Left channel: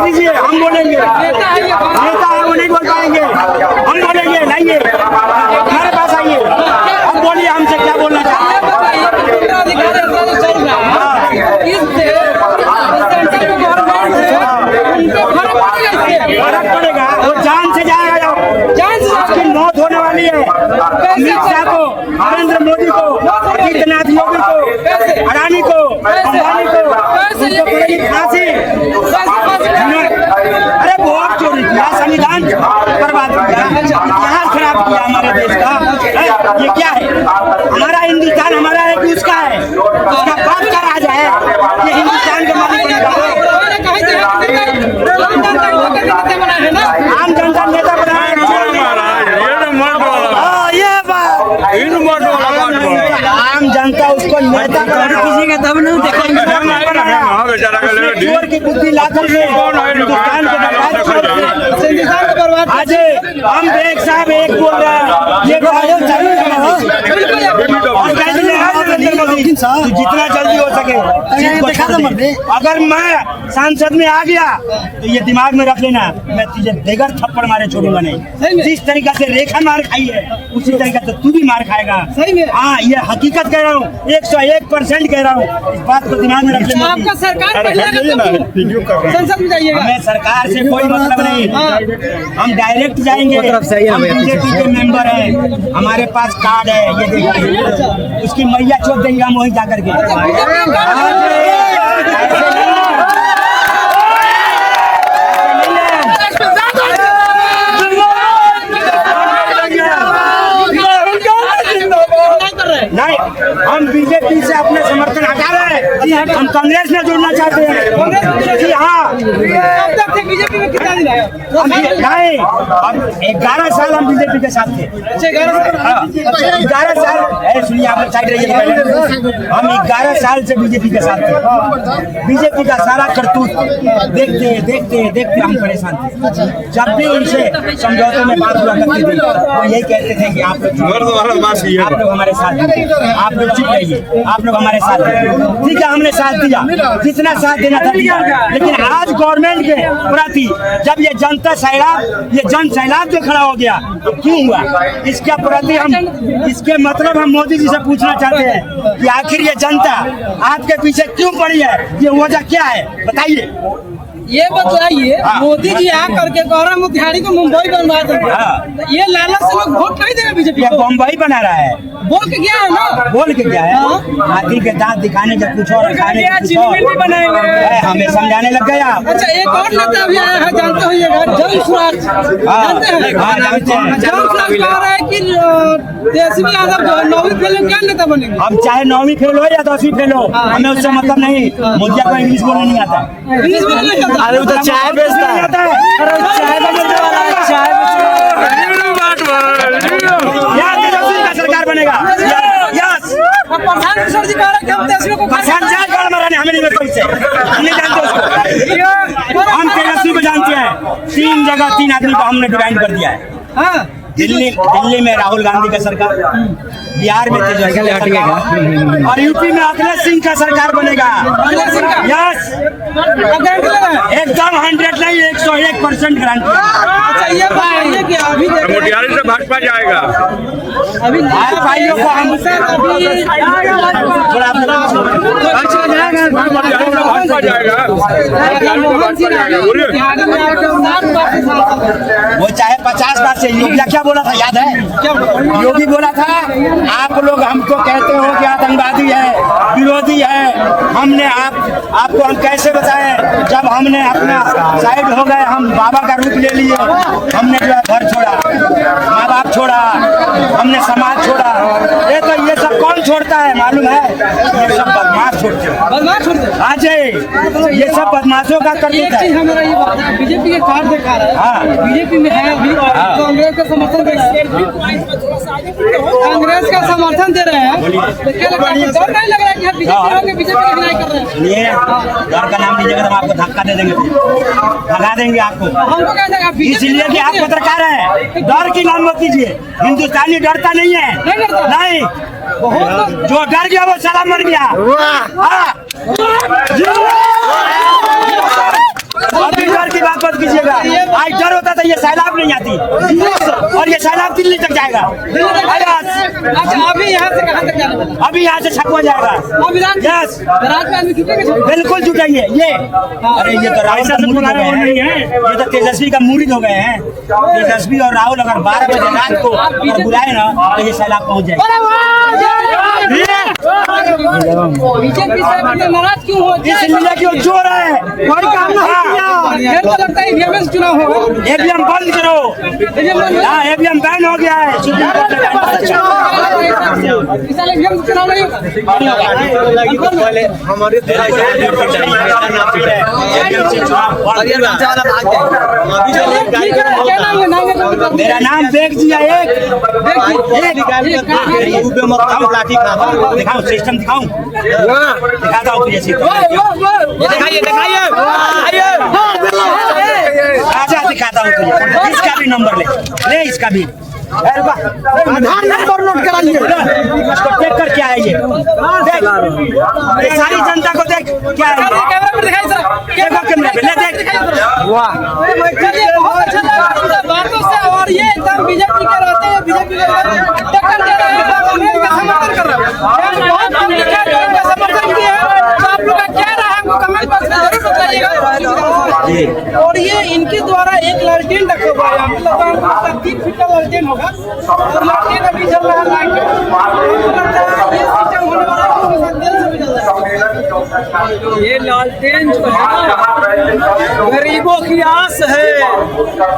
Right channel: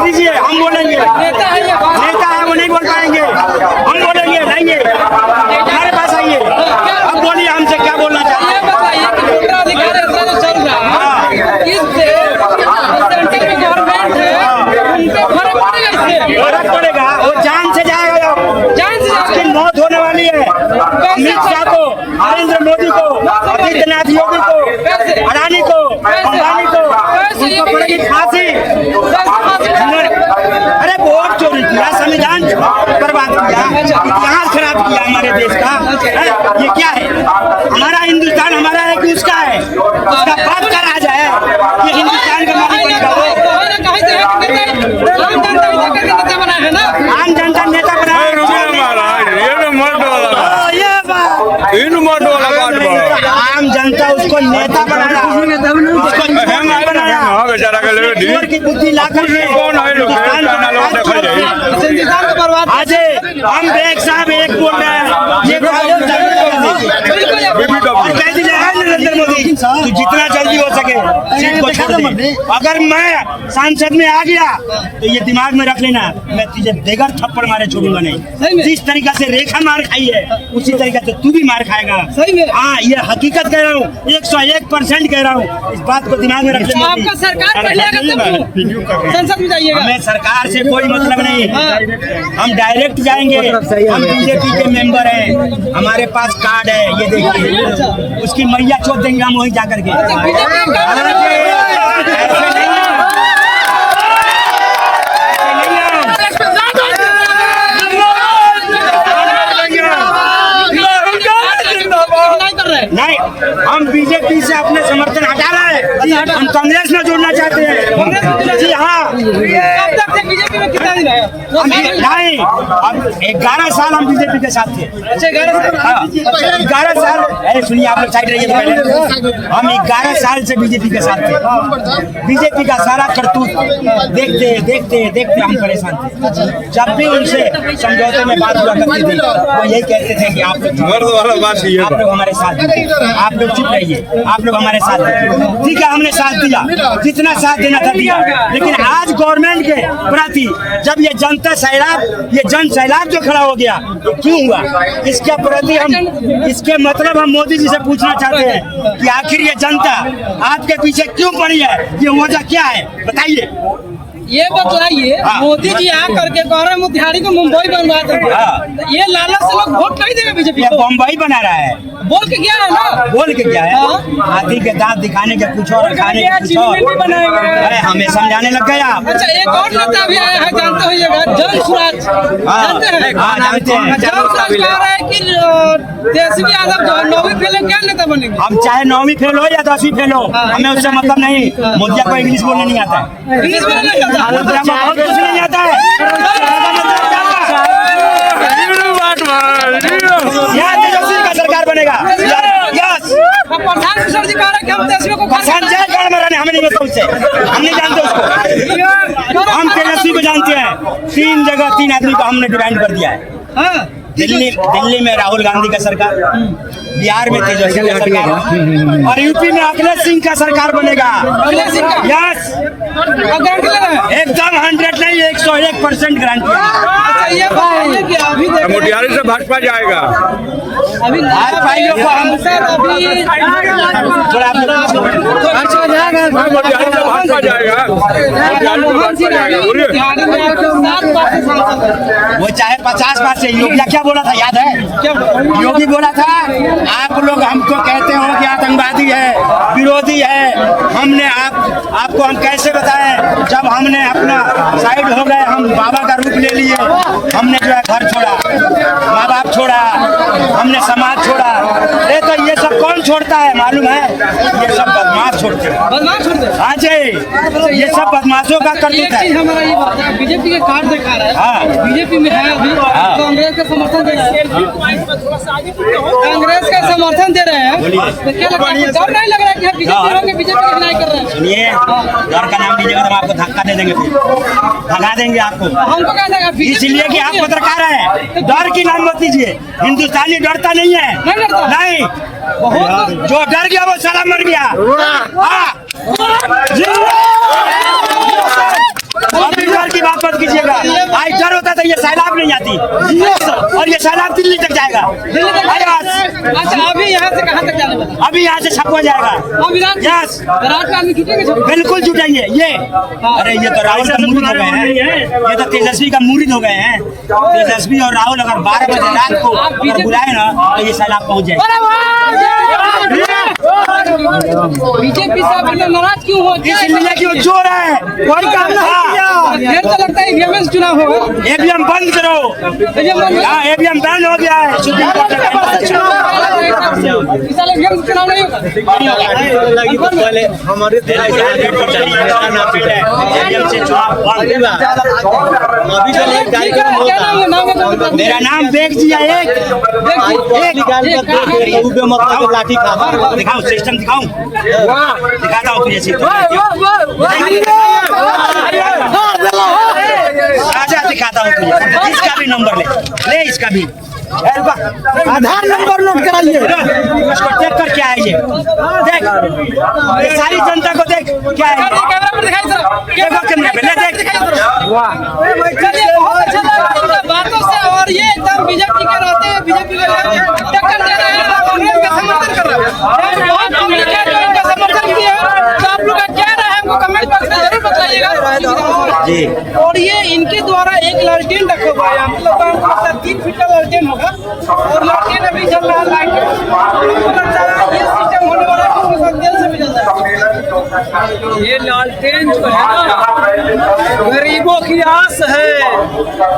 Mic दीजिए, हम बोलेंगे। नेता है वो नहीं बोल पाएंगे, हम बोलेंगे। नहीं है हमारे पास आइए, अब बोलिए हमसे क्या बोलना चाहते हैं। उत्तराधिकार ऐसा जो चल रहा है इससे सेंटर में गवर्नमेंट है उनपे फर्क पड़ेगा, इससे फर्क पड़ेगा। वो जान से जाएगा, जान से जाएगा। उसकी मौत होने वाली है। अमित शाह को, नरेंद्र मोदी को, आदित्यनाथ योगी को, अडानी को, अंबानी को, उनको पड़ेगी फांसी। अरे वोट चोरी किया, संविधान बर्बाद किया, इतिहास खराब किया हमारे देश का। ये क्या है? हमारा हिंदुस्तान हमारा है कि उसका है? उसका बाप का राज है, ये हिंदुस्तान का मालिक बनेगा वो। आम जनता नेता बनाया आम जनता उसको नेता बनाया, चोर की बुद्धि ला करके हिंदुस्तान को बर्बाद। आज हम एक साहब एक बोल रहे हैं, ये और कह दीजिए नरेंद्र मोदी तू जितना जल्दी हो सके सीट को छोड़ दे। अगर मैं सांसद में आ गया तो ये दिमाग में रख लेना, मैं तुझे बेगर थप्पड़ मारे छोड़ूंगा नहीं। जिस तरीका से रेखा मार खाई है उसी तरीका से तू भी मार खाएगा। हाँ, ये हकीकत कह रहा हूँ, 101% कह रहा हूँ। इस बात को दिमाग में रख लेना। आपका सरकार संसद में जाइएगा, हमें सरकार से कोई मतलब नहीं, हम डायरेक्ट जाएंगे। हम बीजेपी के मेंबर हैं, हमारे पास कार्ड है, ये देखिए। उसकी मैया चोट देंगे हम वहीं जाकर के। नहीं, हम बीजेपी से अपने समर्थन हटा रहे हैं, हम कांग्रेस में जुड़ना चाहते हैं। जी हाँ, कब तक थे बीजेपी में? कितना दिन आया? नहीं, अब 11 साल हम बीजेपी के साथ थे। 11 साल सुनिए, आप लोग साइड रहिए पहले। हम 11 साल से बीजेपी के साथ थे। बीजेपी का सारा करतूत देखते देखते देखते हम परेशान थे। जब भी उनसे समझौते में बात हुआ करती थी वो यही कहते थे कि आप लोग हमारे साथ, आप लोग चुप रहिए, आप लोग हमारे साथ। ठीक है, हमने साथ दिया, जितना साथ देना था दिया। लेकिन आज गवर्नमेंट के प्रति जब ये जनता सैलाब, ये जन सैलाब जो खड़ा हो गया, तो क्यों हुआ? इसके प्रति हम, इसके मतलब हम मोदी जी से पूछना चाहते हैं कि आखिर ये जनता आपके पीछे क्यों पड़ी है? ये वजह क्या है, बताइए। ये बतलाइए। मोदी जी आ करके गौरव मोतिहारी को मुंबई बनवा देंगे, ये लालच से लोग वोट नहीं देंगे बीजेपी को। मुंबई बना रहा है, बोल के क्या है ना, बोल के क्या है? हाथी के दांत दिखाने के कुछ और, खाने के कुछ और बनाएंगे। हमें समझाने लग गया। अच्छा, एक और नेता भी आया है, जानते होइएगा, जन स्वराज। जानते हैं? जानते हैं। जन स्वराज कह रहा है कि तेजस्वी यादव जो 9वीं फेल में क्या नेता बनेंगे? हम चाहे 9वीं फेल हो या 10वीं फेल हो, हमें उससे मतलब नहीं। मोदिया को इंग्लिश बोलने नहीं आता है, इंग्लिश बोलने नहीं आता, नहीं आता है। यहाँ तेजस्वी का सरकार बनेगा। यस, प्रधान किशोर जी कह रहे हैं कि हम तेजस्वी को हमें नहीं मिलता उससे, हम नहीं जानते उसको। हम तेजस्वी को जानते हैं। 3 जगह 3 आदमी को हमने डिवाइड कर दिया है। दिल्ली में राहुल गांधी का सरकार, बिहार में तेजस्वी का सरकार, और यूपी में अखिलेश सिंह का सरकार बनेगा। यस, एकदम 100 नहीं 101% गारंटी। अच्छा, ये बात है कि अभी मोतिहारी से भाजपा जाएगा। अभी भाइयों को हम वो चाहे 50 बार से योगी क्या बोला था, याद है? योगी बोला था आप लोग हमको कहते हो कि आतंकवादी है, विरोधी है। हमने आपको हम कैसे बताएं? जब हमने अपना साइड हो गए, हम बाबा का रूप ले लिए, हमने जो है घर छोड़ा, माँ बाप छोड़ा, हमने समाज छोड़ा। तो ये सब कौन छोड़ता है मालूम है? ये सब बदमाश छोड़ते हैं। हाँ जी, ये सब बदमाशों का करतूत है। हमारा ये बात है, बीजेपी के कार्ड दिखा रहा है। हाँ, बीजेपी में है अभी, कांग्रेस का समर्थन दे रहा है। कांग्रेस का समर्थन दे रहे हैं, तो क्या लगता है? डर नहीं लग रहा है कि बीजेपी की हिनाई कर रहे हैं? सुनिए, डर का नाम लीजिएगा तो हम आपको धक्का दे देंगे, फिर भगा देंगे आपको। हमको क्या देगा? इसलिए कि आप पत्रकार हैं, डर की नाम मत लीजिए। हिंदुस्तानी डरता नहीं है, नहीं। बहुत जो डर गया वो साला मर गया। हाँ, डर की लीजिएगा। आज डर होता तो ये सैलाब नहीं आती, और ये सैलाब दिल्ली तक जाएगा। अच्छा, अभी यहाँ से कहाँ तक जाने वाला? अभी यहाँ से छपवा जाएगा। यस, रात में आदमी जुटेंगे? बिल्कुल जुटेंगे। ये अरे ये तो राहुल का मुरीद हो गए हैं, ये तो तेजस्वी का मुरीद हो गए हैं। तेजस्वी और राहुल अगर 12 बजे रात को अगर बुलाए ना तो ये सैलाब पहुँच जाएगा। बीजेपी से आप नाराज क्यों हो? इसलिए कि वो जोर है, कोई काम नहीं किया। फिर तो लगता है ईवीएम से चुनाव होगा। ईवीएम बंद करो। हाँ, ईवीएम बैन हो गया है सुप्रीम कोर्ट ने। इस साल ईवीएम से चुनाव नहीं होगा। ठीक है, क्या नाम है? नाम है मेरा नाम बेग जी है। दिखाओ सिस्टम, दिखाऊं? दिखाता हूँ तुझे सिस्टम। आजा दिखाता हूँ तुझे। इसका भी नंबर ले इसका भी। आधार नंबर नोट कराइए। इसको देख कर क्या है ये? देख, ये सारी जनता को देख क्या है ये? कैमरा पर दिखाई जरा। देखो कैमरा पे, ले देख। बहुत अच्छा लगा इनका बातों से। और ये एकदम बीजेपी के रहते हैं, बीजेपी के टक्कर दे रहे हैं, कांग्रेस का समर्थन कर रहे हैं। बहुत पब्लिक है जो इनका समर्थन किया है। तो आप लोग का क्या रहा है हमको कमेंट बॉक्स में जरूर बताइएगा। और ये इनके द्वारा एक लालटेन रखा हुआ है यहाँ पे। लोगों को 3 फीट का लालटेन होगा, और लालटेन अभी चल रहा है लाइट। हमको लगता है ये सिस्टम होने वाला है। ये लालटेन जो है ना, गरीबों की आस है,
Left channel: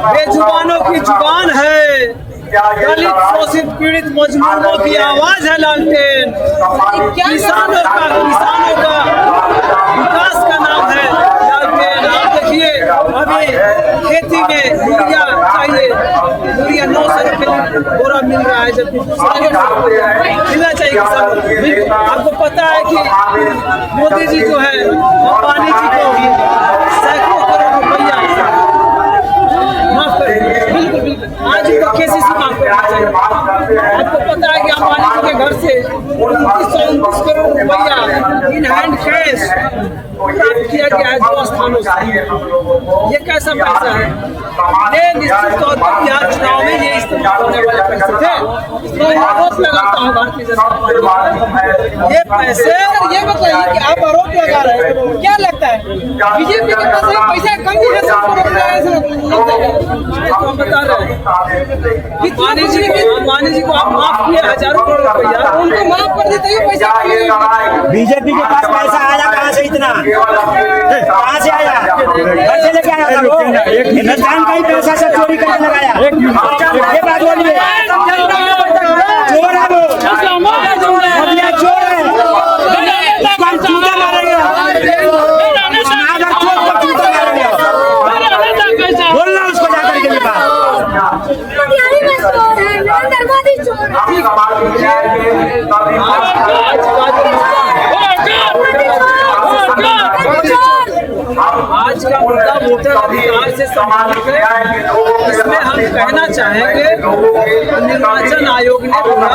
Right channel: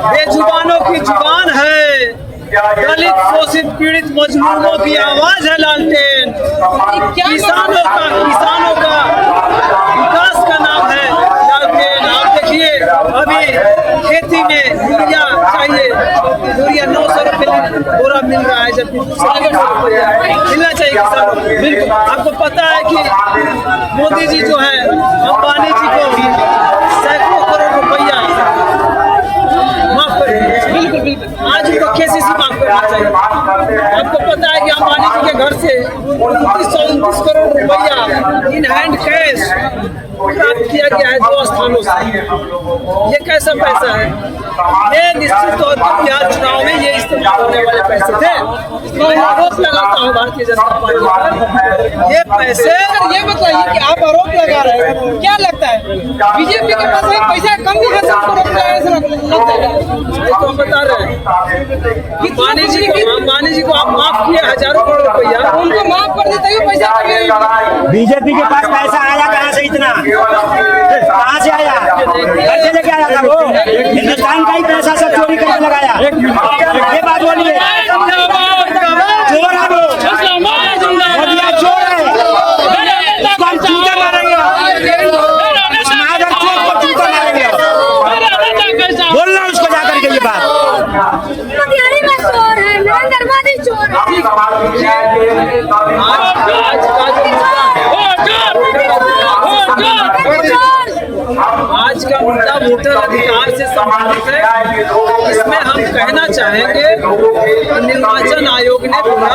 बेजुबानों की जुबान है, दलित शोषित पीड़ित मजलूमों की आवाज है लालटेन। किसानों का विकास का नाम है लालटेन। आप देखिए अभी खेती में यूरिया चाहिए, यूरिया 900 रुपये बोरा मिल रहा है, जबकि 700 रुपये मिलना चाहिए किसानों को। बिल्कुल, आपको पता है कि मोदी जी जो है अंबानी जी को सैकड़ों करोड़ रुपया माफ कर दिए। बिल्कुल बिल्कुल, आज उनको KCC माफ करना चाहिए। आपको पता है कि अंबानी जी के घर से 29 करोड़ रुपया इन हैंड कैश प्राप्त किया गया है 2 स्थानों से। ये कैसा पैसा है? ये निश्चित तौर पर बिहार चुनाव में ये इस्तेमाल होने वाले पैसे थे। मैं आरोप लगाता हूँ भारतीय जनता पार्टी पर। ये पैसे, ये बताइए कि आप आरोप लगा रहे हैं, क्या लगता है बीजेपी के पास पैसा कम है, सबको रोक रहा है लगता है? तो हम बता रहे हैं कि अंबानी जी को आप माफ किए हजारों करोड़ रुपया, उनको माफ कर देते ही पैसा बीजेपी के पास पैसा आया कहाँ से? इतना कहाँ से आया? घर से लेके आया था वो? हिंदुस्तान का ही पैसा सब चोरी करके लगाया। ये बात बोलिए, चोर है वो, मोदिया चोर है। उसको हम जूता मारेंगे, समाज और चोर को जूता मारेंगे। बोलना उसको जाकर के ये बात। मोदी चोर है, नरेंद्र मोदी चोर आज का मुद्दा वोटर अधिकार से संबंधित है। इसमें हम कहना चाहेंगे निर्वाचन आयोग ने पूरा